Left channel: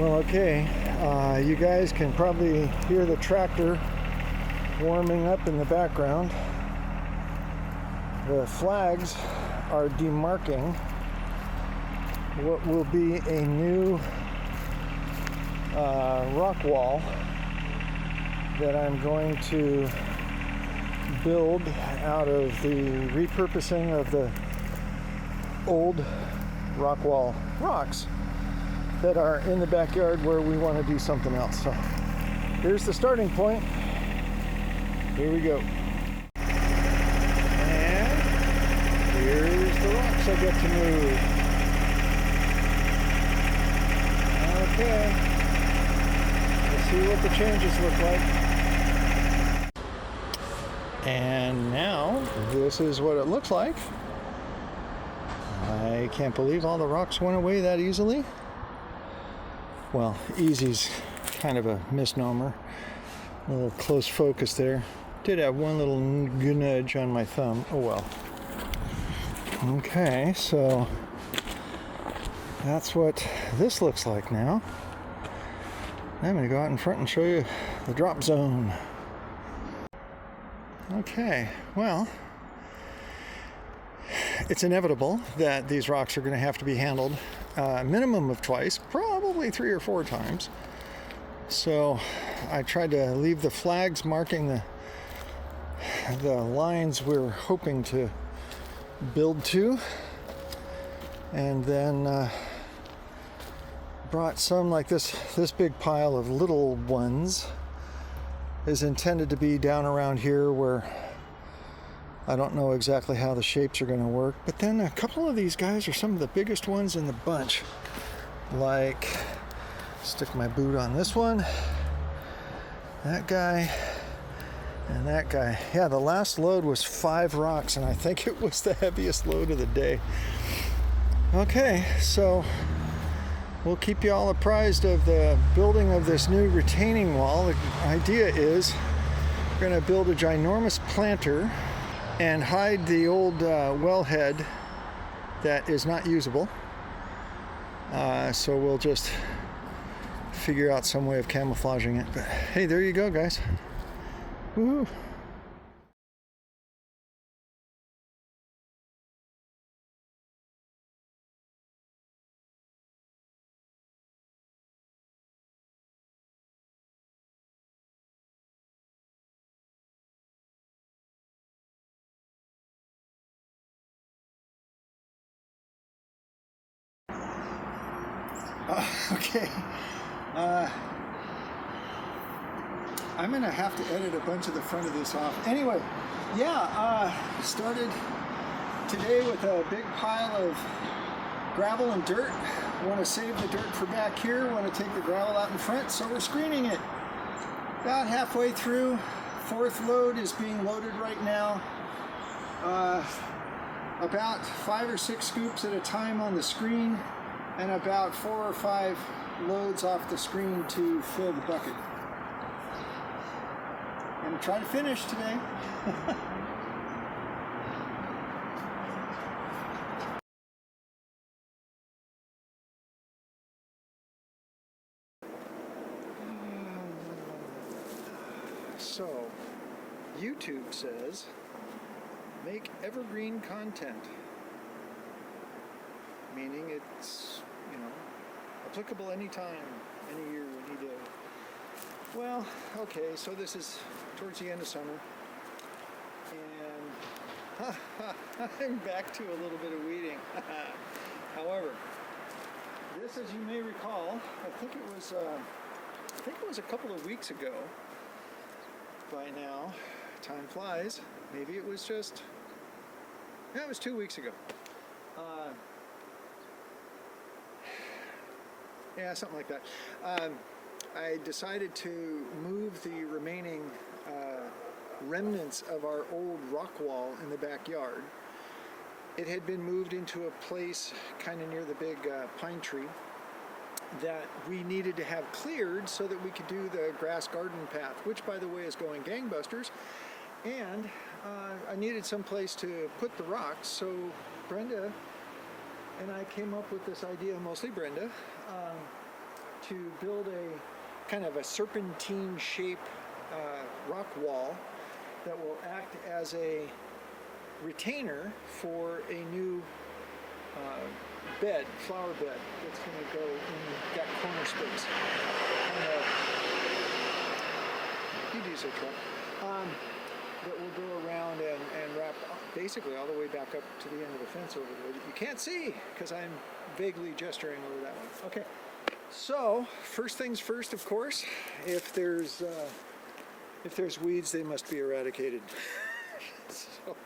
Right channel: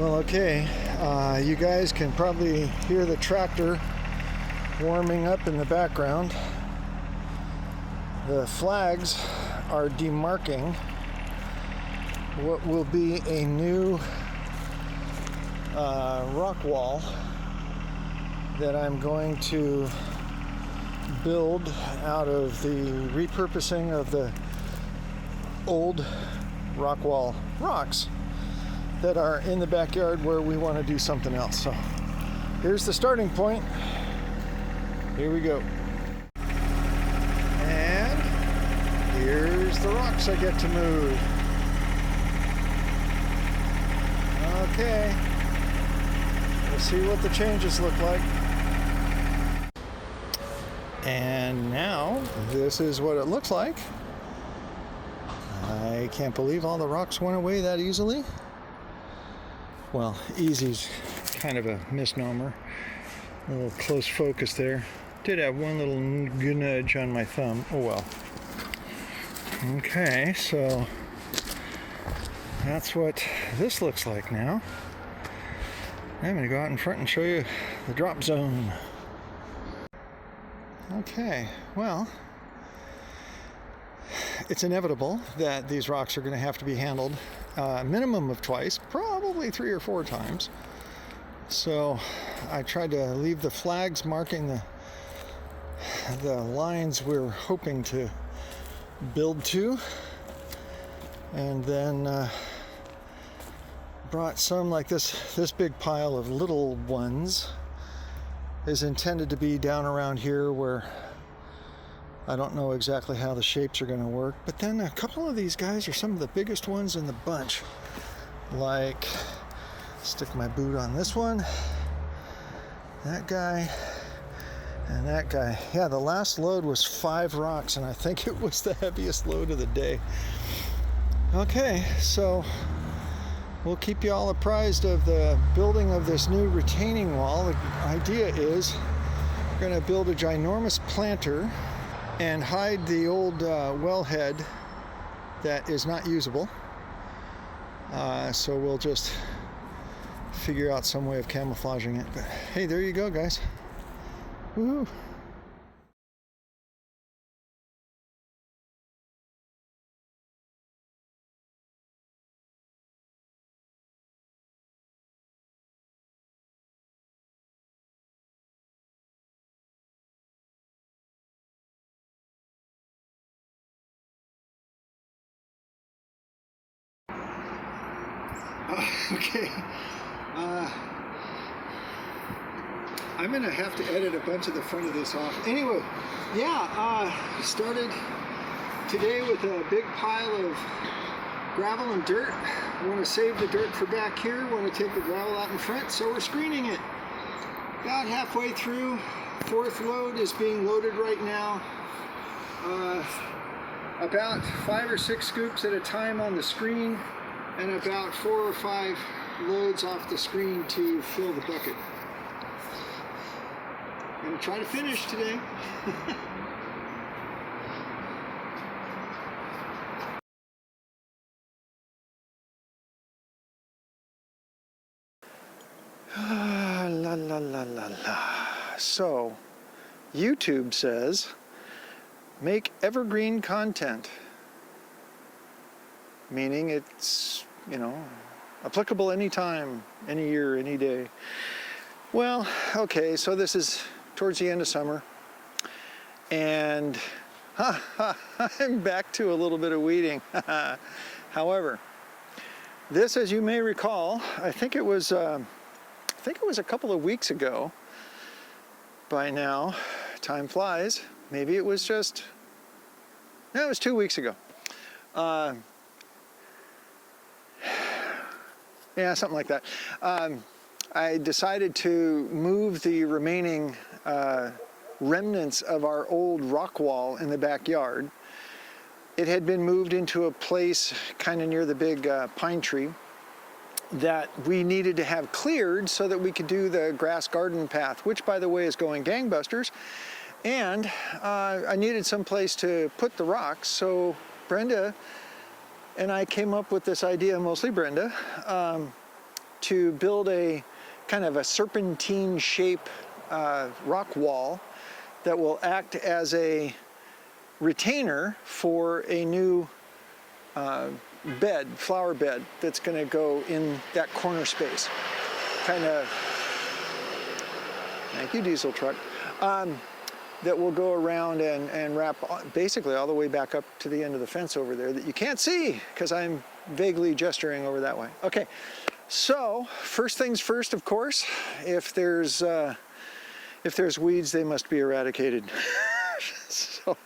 Well, okay, you guys can probably hear the tractor warming up in the background. The flags are demarking what will be a new rock wall that I'm going to build out of the repurposing of the old rock wall rocks that are in the backyard where we want to do something else. So here's the starting point. Here we go. And here's the rocks I get to move. Okay. Let's see what the changes look like. And now this is what it looks like. I can't believe all the rocks went away that easily. Well, easy's kind of a misnomer. A little close focus there. Did have one little nudge on my thumb. Oh well. Okay, so that's what this looks like now. I'm going to go out in front and show you the drop zone. Okay, well, it's inevitable that these rocks are going to have to be handled a minimum of twice, probably 3 or 4 times. So I tried to leave the flags marking the lines we're hoping to build to, and then brought some like this big pile of little ones is intended to be down around here where I don't know exactly how the shapes are going to work, but then a couple of these guys are some of the biggest ones in the bunch. Like, stick my boot on this one, that guy, and that guy. Yeah, the last load was 5 rocks, and I think it was the heaviest load of the day. Okay, so we'll keep you all apprised of the building of this new retaining wall. The idea is we're going to build a ginormous planter and hide the old wellhead that is not usable. So we'll just figure out some way of camouflaging it. But hey, there you go, guys. Woohoo! Okay. I'm gonna have to edit a bunch of the front of this off. Anyway, yeah, started today with a big pile of gravel and dirt. Want to save the dirt for back here. Want to take the gravel out in front, so we're screening it. About halfway through. 4th load is being loaded right now. About 5 or 6 scoops at a time on the screen, and about 4 or 5 loads off the screen to fill the bucket. I'm gonna try to finish today. La la la la la. So, YouTube says, make evergreen content. Meaning it's, applicable anytime, any year, any day. Well, okay, so this is towards the end of summer, and I'm back to a little bit of weeding. However, this, as you may recall, I think it was a couple of weeks ago. By now, time flies. Maybe it was it was 2 weeks ago. Yeah, something like that. I decided to move the remaining remnants of our old rock wall in the backyard. It had been moved into a place kind of near the big pine tree that we needed to have cleared so that we could do the grass garden path, which, by the way, is going gangbusters. And I needed some place to put the rocks, so Brenda and I came up with this idea, mostly Brenda, to build a kind of a serpentine shape rock wall that will act as a retainer for a new bed, flower bed, that's going to go in that corner space. Kind of, thank you, diesel truck, that will go around and wrap basically all the way back up to the end of the fence over there that you can't see because I'm vaguely gesturing over that way. Okay, so first things first, of course, if there's weeds, they must be eradicated. So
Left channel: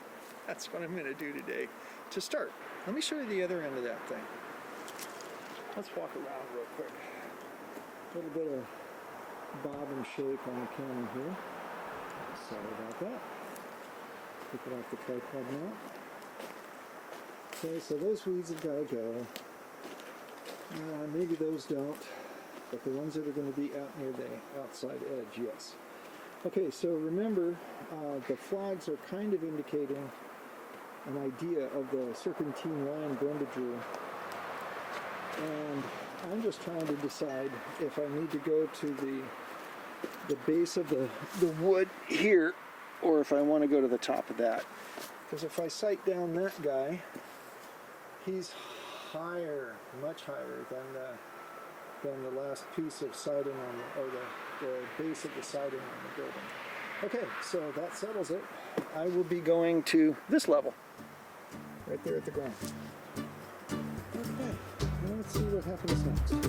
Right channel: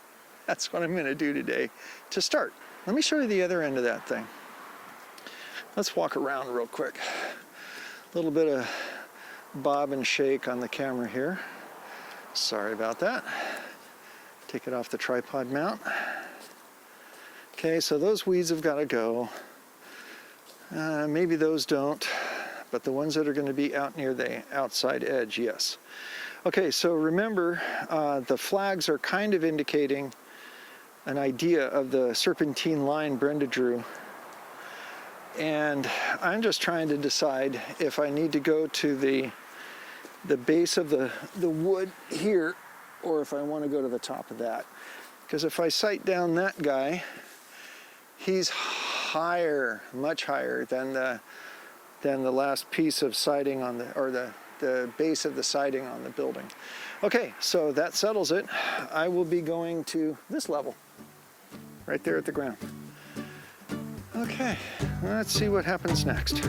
that's what I'm going to do today to start. Let me show you the other end of that thing. Let's walk around real quick. A little bit of bob and shake on the camera here. Sorry about that. Take it off the tripod mount. Okay, so those weeds have got to go. Maybe those don't, but the ones that are going to be out near the outside edge, yes. Okay, so remember, the flags are kind of indicating an idea of the serpentine line Brenda drew. And I'm just trying to decide if I need to go to the base of the wood here, or if I want to go to the top of that. Because if I sight down that guy, he's higher, much higher than the last piece of siding on the base of the siding on the building. Okay, so that settles it. I will be going to this level, right there at the ground. Okay, let's see what happens next.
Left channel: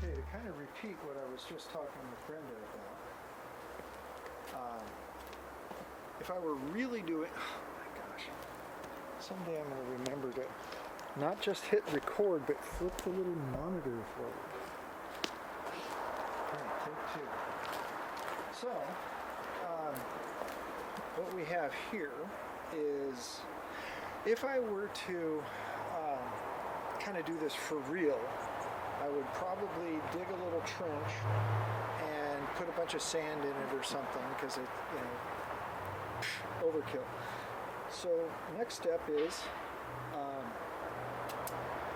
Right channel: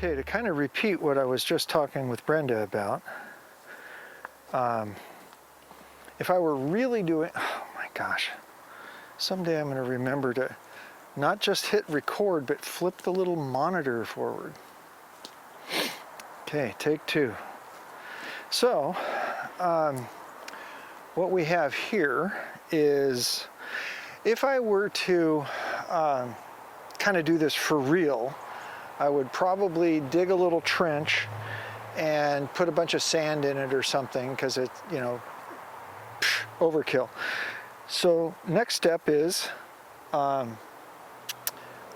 To kind of repeat what I was just talking with Brenda about, if I were really doing, oh my gosh, someday I'm going to remember to not just hit record, but flip the little monitor forward. Okay, take two. So, what we have here is, if I were to kind of do this for real, I would probably dig a little trench and put a bunch of sand in it or something, because it, overkill. So next step is, I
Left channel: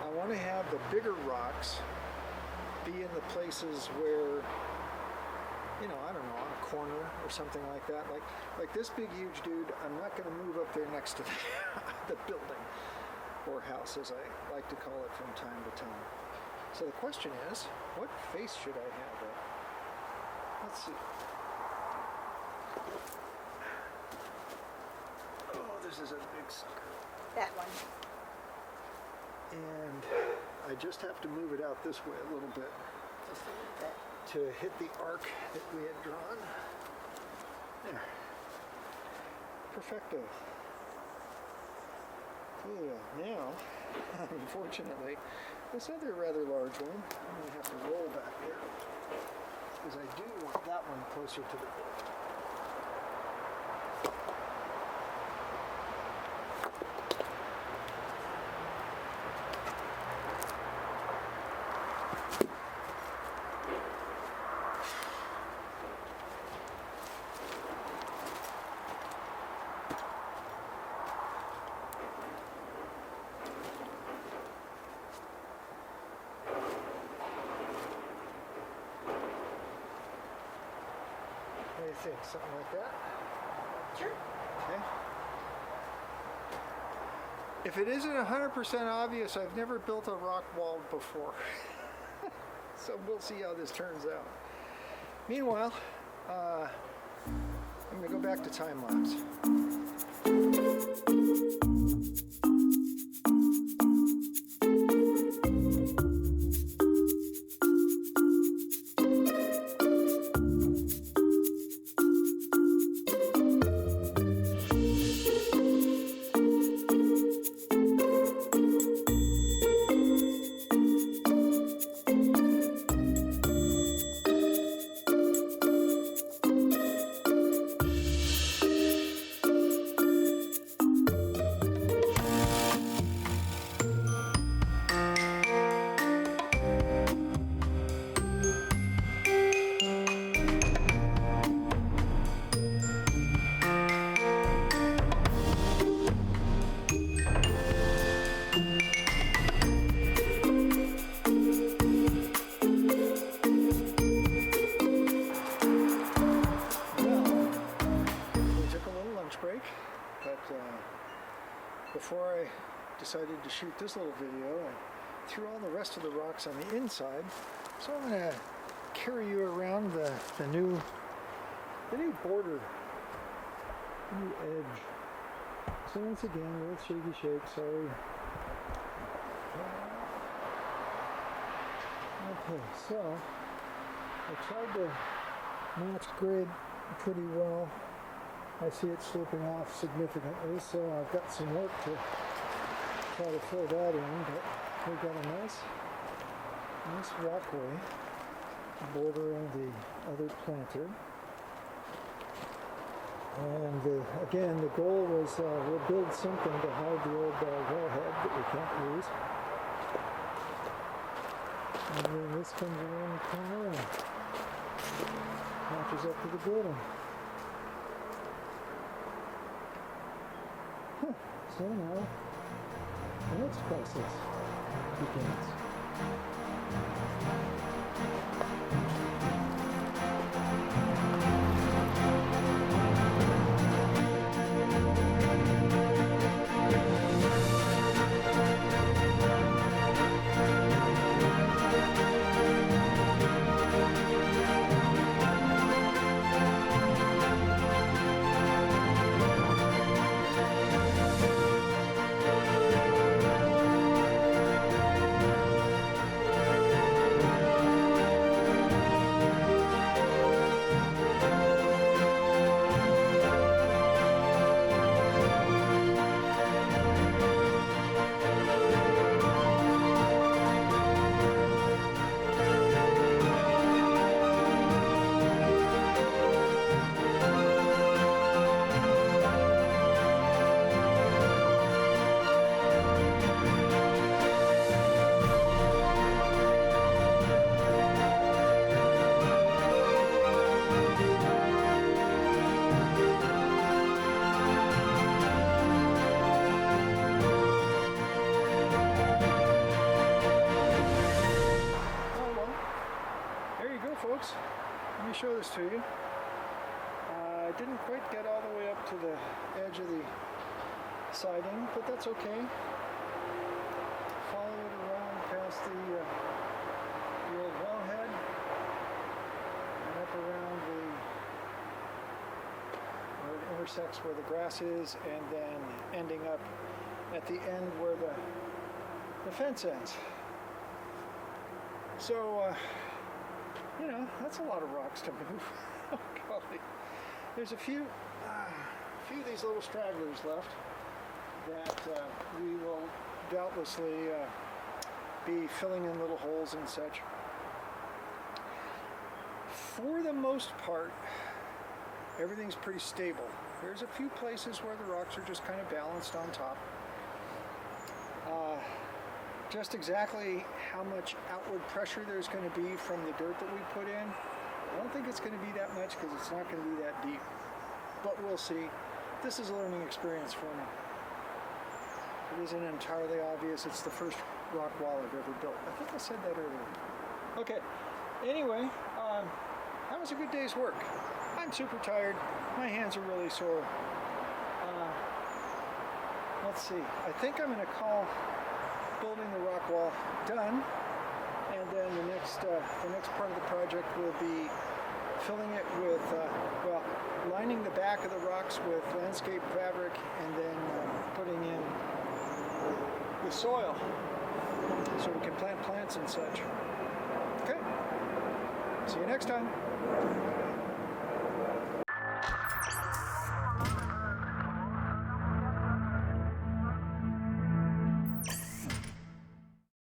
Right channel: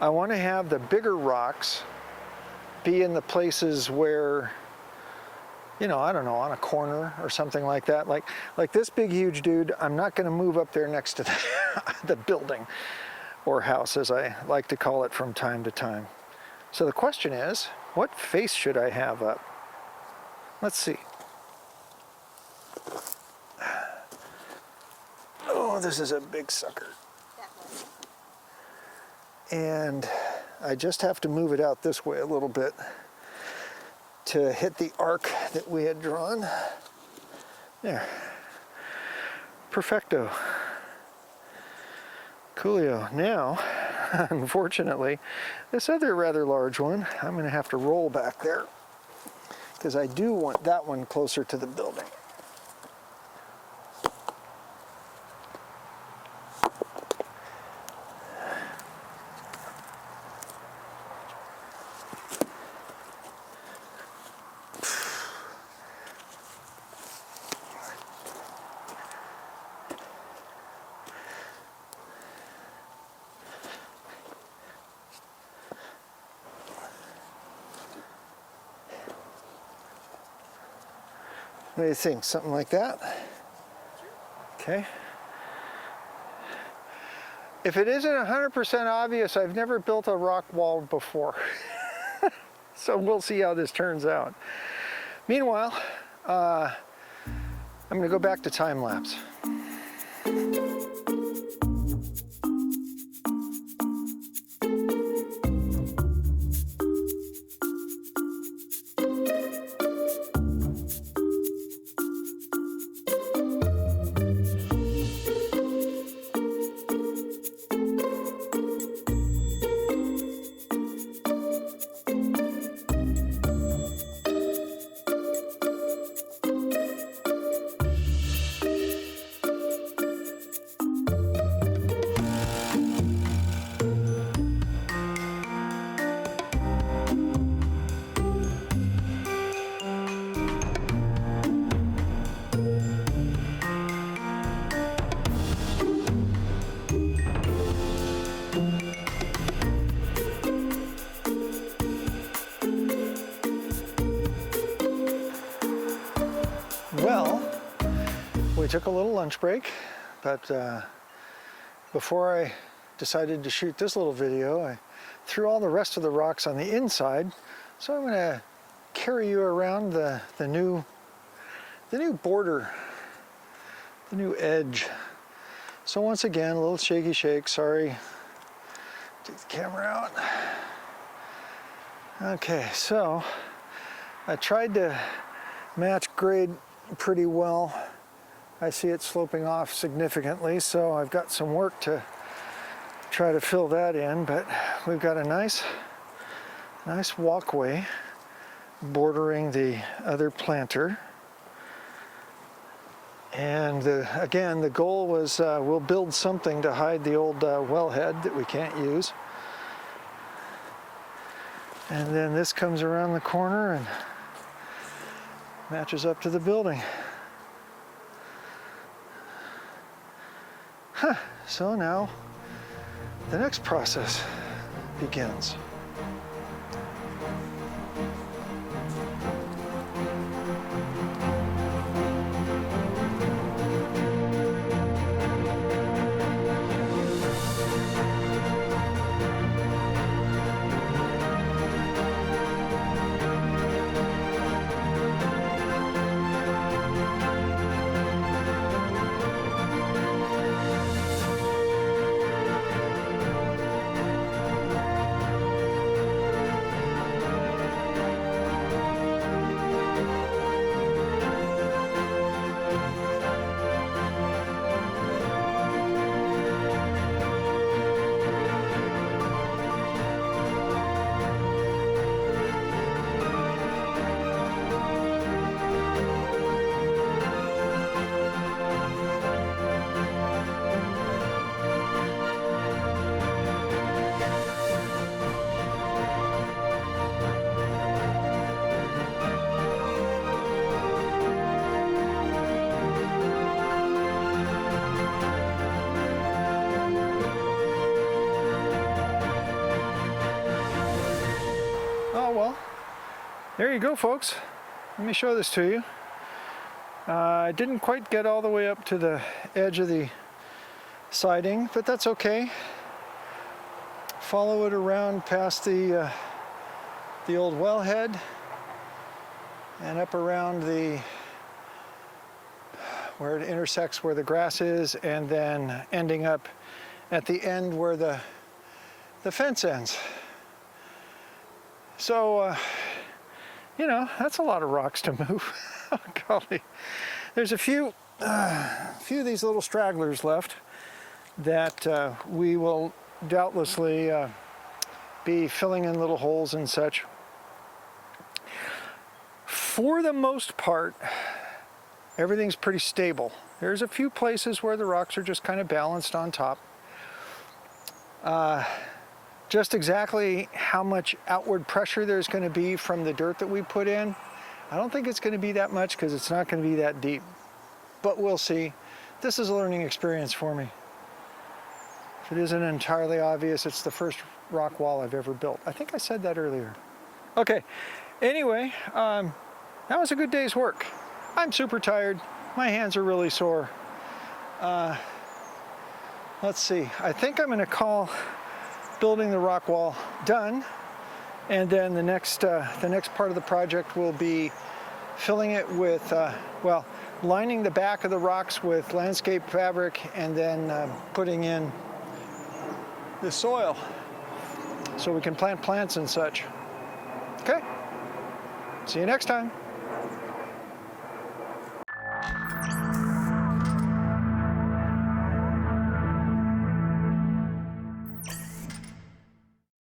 want to have the bigger rocks be in the places where, I don't know, on a corner or something like that. Like this big, huge dude, I'm not going to move up there next to the building, or house, as I like to call it from time to time. So the question is, what face should I have up? Let's see. Oh, this is a big sucker. That one. And I just have to move it out this way a little bit to hit the arc that we had drawn. There. Perfecto. Coolio. Now, unfortunately, this other rather large one, I'm going to have to roll back there, because I do want that one closer to the building. What do you think? Something like that? Sure. Okay. If it isn't 100% obvious, I've never built a rock wall before. So we'll see how this turns out. Meanwhile, I'm going to go back to time lapse. Took a little lunch break, but before I decided to shoot this little video, I threw all the rest of the rocks on the inside. So I'm going to carry you around the new border, the new edge. So once again, a little shaky shake. Sorry. Take the camera out. Okay, so I tried to match grade pretty well. I see it sloping off significantly, so I've got some work to try to fill that in, but we've got a nice walkway bordering the other planter. And again, the goal was we'll build something to hide the old wellhead that we can't use. And then this comes around the corner and matches up to the building. So now the next process begins. There you go, folks. Let me show this to you. I didn't quite get all the way up to the edge of the siding, but that's okay. Follow it around past the old wellhead and up around where it intersects where the grass is, and then ending up at the end where the fence ends. So, you know, that's a lot of rocks to move. Oh, golly. There's a few of these little stragglers left that we will doubtlessly be filling in little holes and such. For the most part, everything's pretty stable. There's a few places where the rocks are just kind of balanced on top. Just exactly how much outward pressure there's going to be from the dirt that we put in, I don't think it's going to be that much because it's not going to be that deep. But we'll see. This is a learning experience for me. If it isn't entirely obvious, it's the first rock wall I've ever built. I think I said that earlier. Okay, anyway, that was a good day's work. I'm super tired. My hands are really sore. Let's see. I think I'm going to call building the rock wall done, and then the next part of the project will be filling it with, well, lining the back of the rocks with landscape fabric, and then putting in the soil so we can plant plants and such. Okay. See you next time.